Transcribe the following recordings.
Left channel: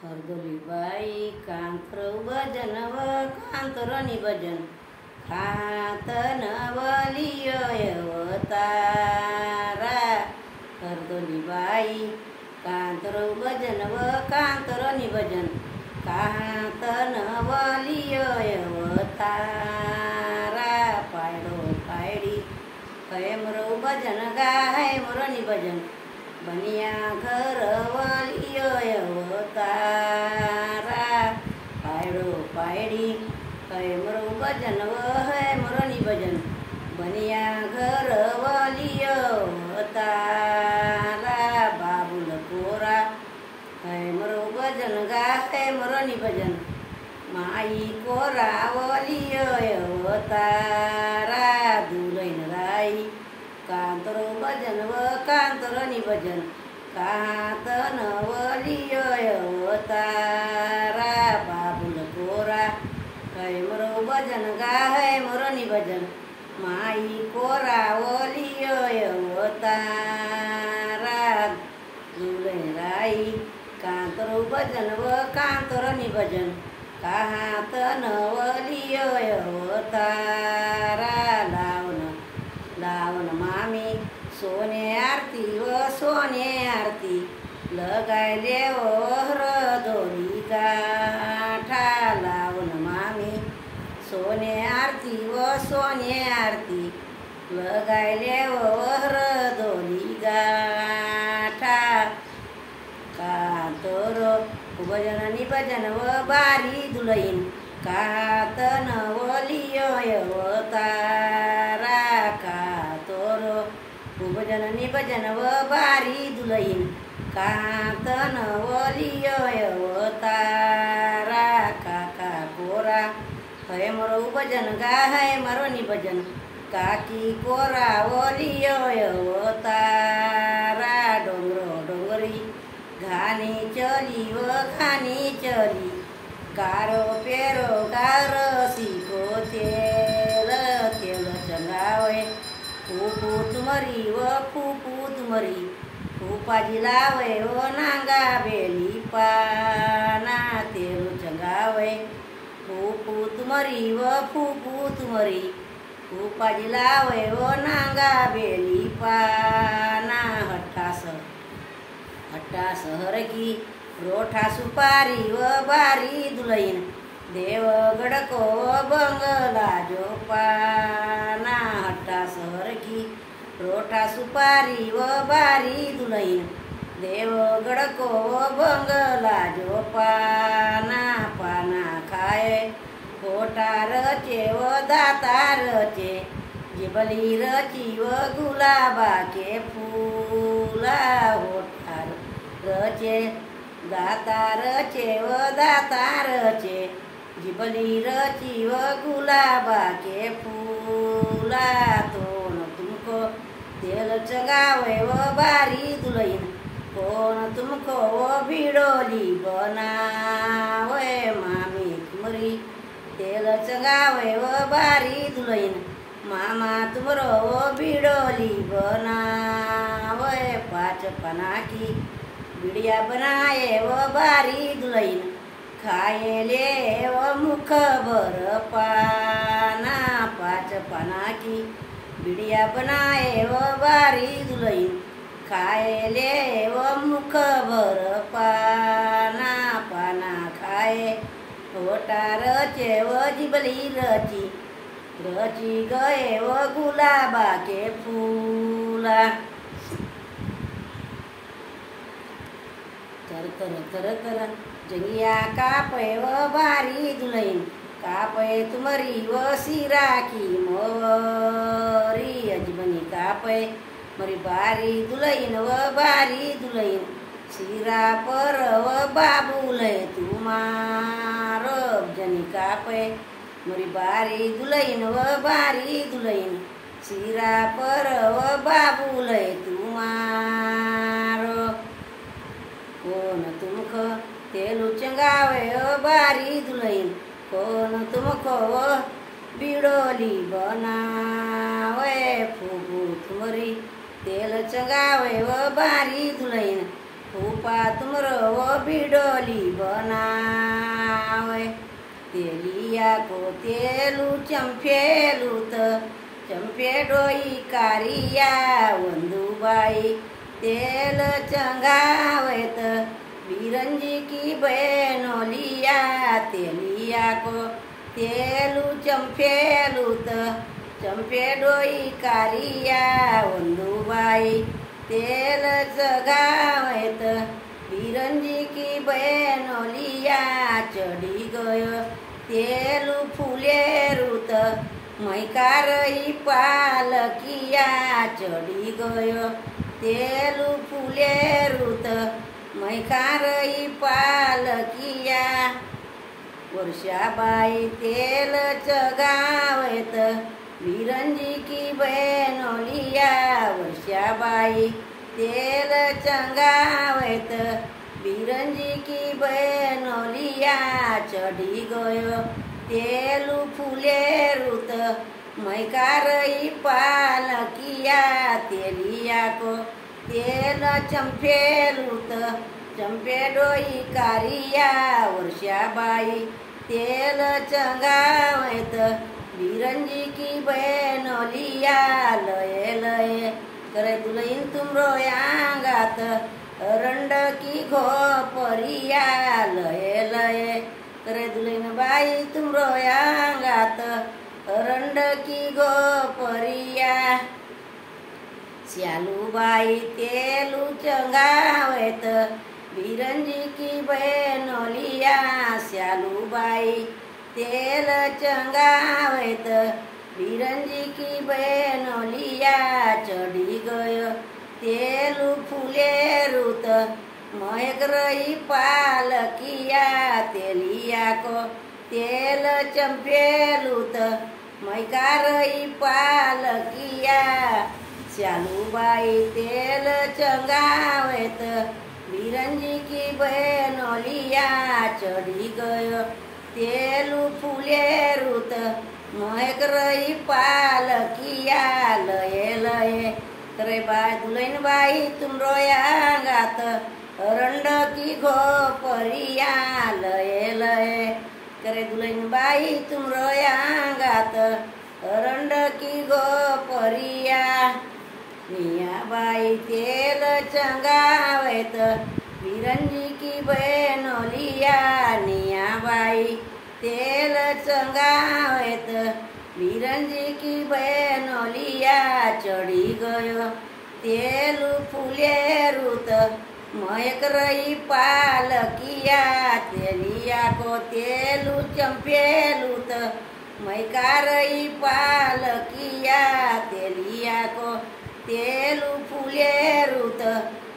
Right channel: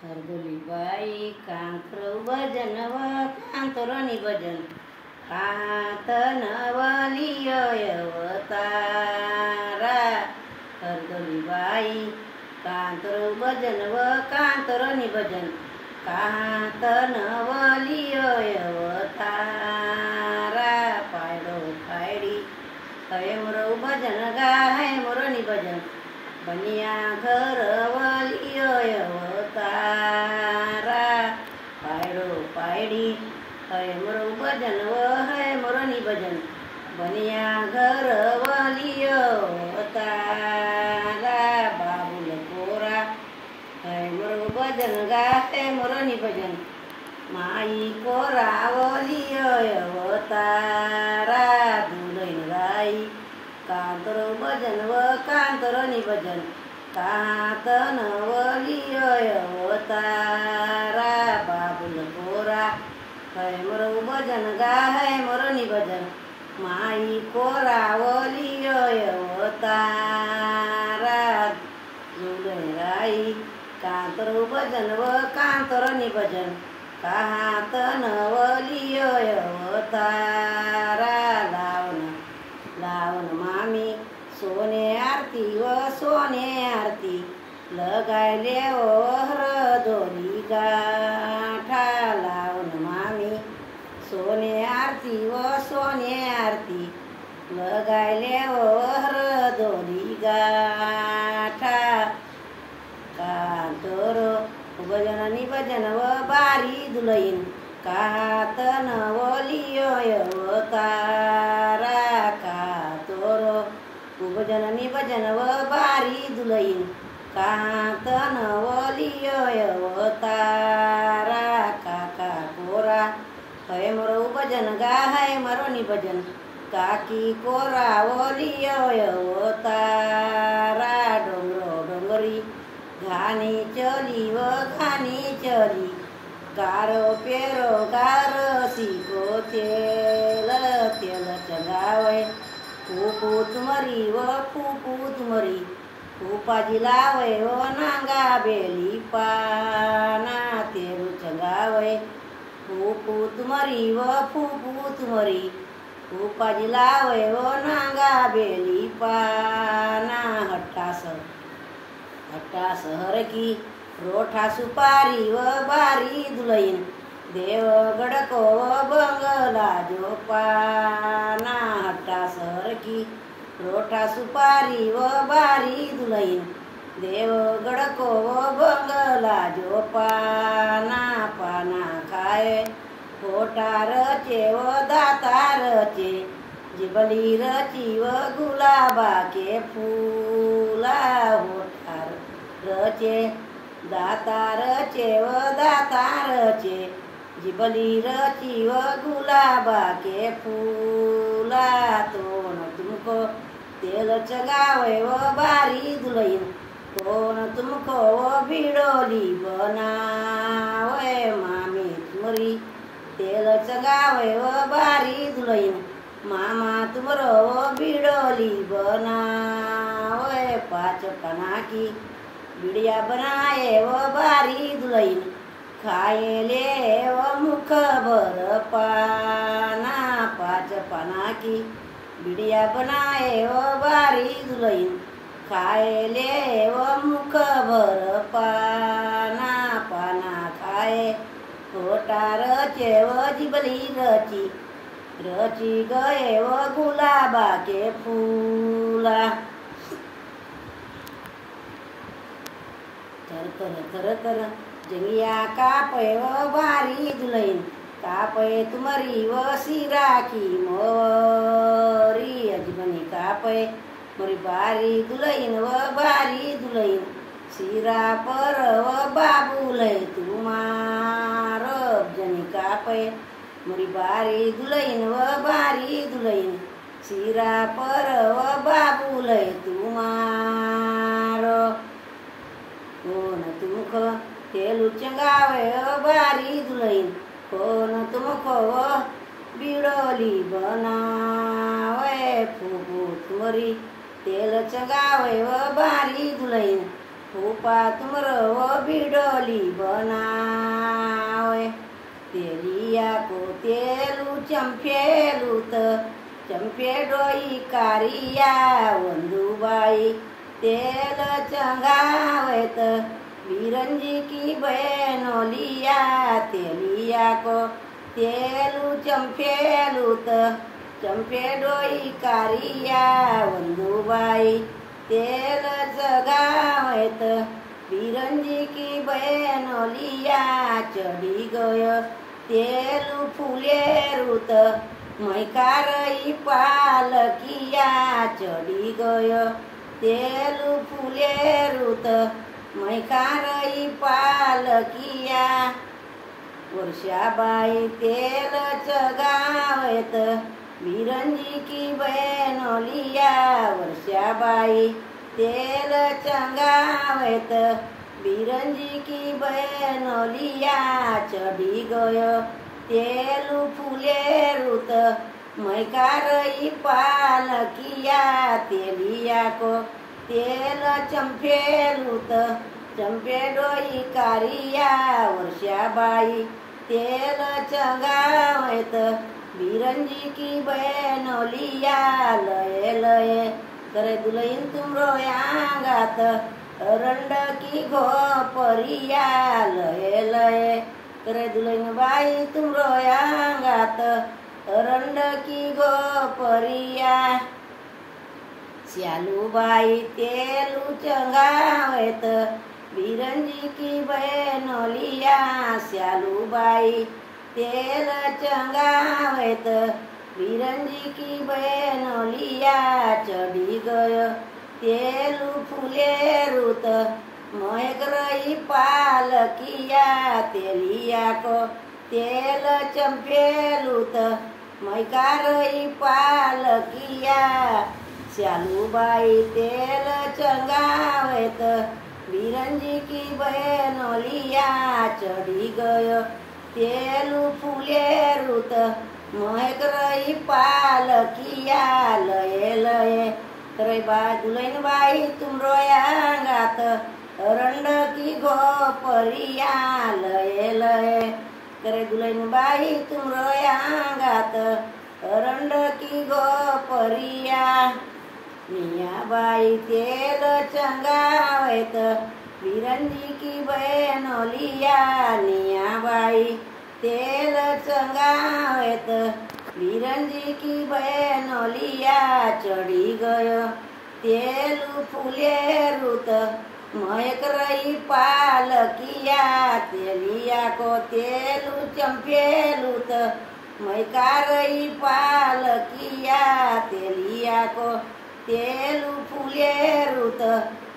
हरदोली बाई कांतर भजन व कांतरणी भजन खात नवलियवतारा। हरदोली बाई कांतर भजन व कांतरणी भजन खात नवलियवतारा। पायडो पायडी हय मोरव भजन गाय मोरणी भजन बनिया घर वलियवतारा। पायडो पायडी हय मोरव भजन व हय मोरणी भजन बनिया घर वलियवतारा। बाबुल कोरा हय मोरव भजन गाय मोरणी भजन माई कोरा वलियवतारा। दुलैन राई कांतर भजन व कांतरणी भजन कात नवलियवतारा। बाबुल कोरा हय मोरव भजन गाय मोरणी भजन माई कोरा वलियवतारा। दुलैन राई कांतर भजन व कांतरणी भजन कात नवलियवतारा। लावण लावण मामी सोने आरती व सोने आरती लगायले हरदोली गाठा। लावण मामी सोने आरती व सोने आरती लगायले हरदोली गाठा। कांतर भजन निभजन व बारी दुलैन कात नवलियवतारा। कातोर भजन निभजन व बारी दुलैन कात नवलियवतारा। काका कोरा हय मोरव भजन गाय मोरणी भजन काकी कोरा वलियवतारा। डोंगर डोंगरी घानी चली व घानी चली गारो पेरो गार सीको तेल तेल चंगावे फूफू तुमरी व फूफू तुमरी फूफाजी लावे ओ नांगा बेली पाना। तेल चंगावे फूफू तुमरी व फूफू तुमरी फूफाजी लावे ओ नांगा बेली पाना। हट्टास हट्टास हर की रोठा सुपारी व बारी दुलैन देवगड को बंगला जोपाना। हट्टास हर की रोठा सुपारी व बारी दुलैन देवगड को बंगला जोपाना। पाना खाए खोटा रचे व दाता रचे जिबली रची व गुलाबा के फूला होठार रचे दाता रचे व दाता रचे जिबली रची व गुलाबा के फूला। तो न तुमको तेल चगावे व बारी दुलैन कौन तुमको वो भिडोली बनावे। मामी तुमरी तेल चगावे व बारी दुलैन मामा तुमरो वो भिडोली बनावे। पाँच पना की बिड़िया बनाए वो बारी दुलैन खाए ले वो मुख भर पाना। पाँच पना की बिड़िया बनाए वो बारी दुलैन खाए ले वो मुख भर पाना। पाना खाए खोटा रचे वो जिबली रची रची गए वो गुलाबा के फूला। थर थर थर थर जंगिया कापे व बारी दुलैन कापे तुमरी व सिरा की मोरी अजबनी कापे मरी बारी दुलैन व बारी दुलैन सिरा पर व बाबुले तुमारो जनी कापे मरी बारी दुलैन व बारी दुलैन सिरा पर व बाबुले तुमारो। कौन तुमको तेल चंगावे ओ बारी दुलैन कौन तुमको वो बिडोली बनावे। फूफू तुमरी तेल चंगावे व बारी दुलैन फूफा तुमरो बिडोली बनावे तेलिया को तेलू चंपेलू चंपे डोई कारिया वंदुबाई तेल चंगावत बिरंजी की बहनोलिया तेलिया को तेलू चंपेलू चंपे डोई कारिया वंदुबाई तेल जगावत बिरंजी की बहनोलिया चढ़ी गयो तेलू फुले रुत मैकारई पालकिया चढ़ी गयो तेलू फुले रुत मैकारई पालकिया वर्षाबाई तेल चगावत बिरंजी की बहनोलिया वर्षाबाई तेल चंगावत बिरंजी की बहनोलिया चढ़ी गयो तेलू फुले रुत मैकारई पालकिया तेलिया को तेल चंपेलूत चंपे डोई कारिया वर्षाबाई तेल चंगावत बिरंजी की बहनोलिया लये लये करे दुलहीन तुमरो यांगात रंड की घोपरिया लये लये करे दुलहीन बाई तुमरो यांगात रंड की घोपरिया श्यालूबाई तेलू चंगावत बिरंजी की बहनोलिया श्यालूबाई तेल चंगावत बिरंजी की बहनोलिया चढ़ी गयो तेलू फुले रुत महकरई पालकिया तेलिया को तेल चंपेलूत मैकारई पालकिया श्यालूबाई तेल चंगावत बिरंजी की बहनोलिया चढ़ी गयो तेलू फुले रुत महकरई पालकिया लये लये करे बाय दुलहीन बाई तुमरो यांगात रंड की घोपरिया लये लये करे दुलहीन बाई तुमरो यांगात रंड की घोपरिया मियाबाई तेल चंगावत बिरंजी की बहनोलिया नियाबाई तेल चंगावत बिरंजी की बहनोलिया चढ़ी गयो तेलू फुले रुत महकरई पालकिया तेलिया को तेलू चंपेलूत मैकारई पालकिया तेलिया को तेलू फुले रुत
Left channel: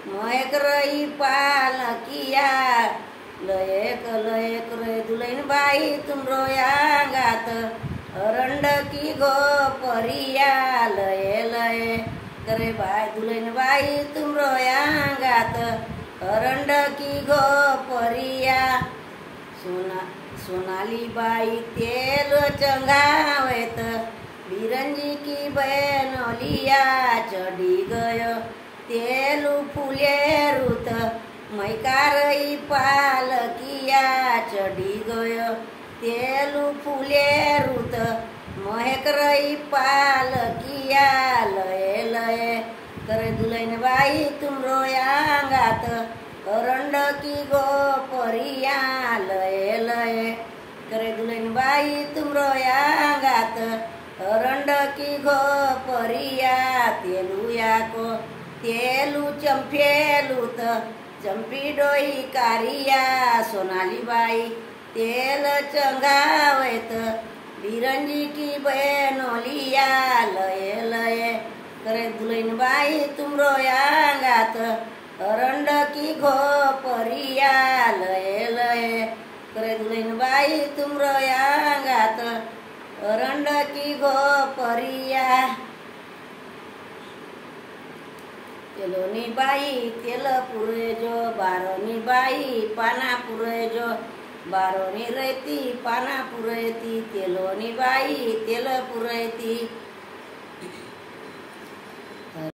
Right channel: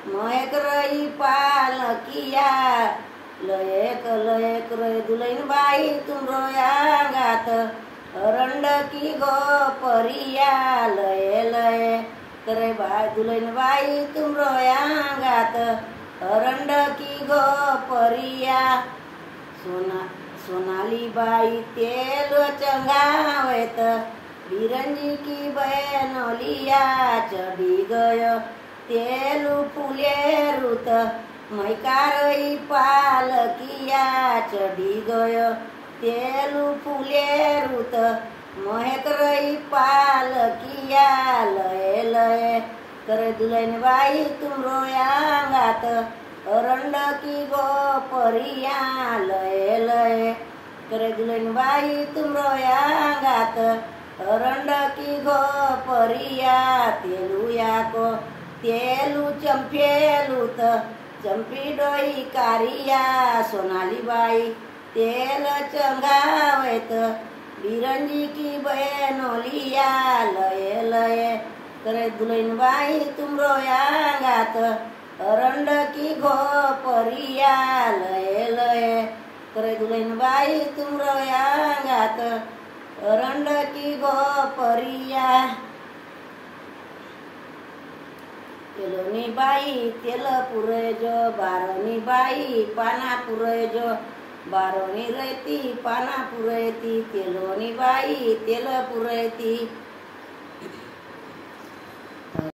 महकरई पालकिया लयक लयक रे दुलहीन बाई तुमरो यांगात रंड की घोपरिया लये लये करे बाय दुलहीन बाई तुमरो यांगात रंड की घोपरिया सोनाली बाई तेल चंगावत बिरंजी की बहनोलिया चढ़ी गयो तेलू फुले रुत मैकारई पालकिया चढ़ी गयो तेलू फुले रुत महकरई पालकिया लये लये करे दुलहीन बाई तुमरो यांगात रंड की घोपरिया लये लये करे दुलहीन बाई तुमरो यांगात रंड की घोपरिया तेलुया को तेलू चंपेलूत चंपी डोई कारिया सोनाली बाई तेल चंगावत बिरंजी की बहनोलिया लये लये करे दुलहीन बाई तुमरो यांगात रंड की घोपरिया लये लये करे दुलहीन बाई तुमरो यांगात रंड की घोपरिया तेलोनी बाई तेल पुरेजो बारोनी बाई पाना पुरेजो बारोनी रहती पाना पुरेती तेलोनी बाई तेल पुरेती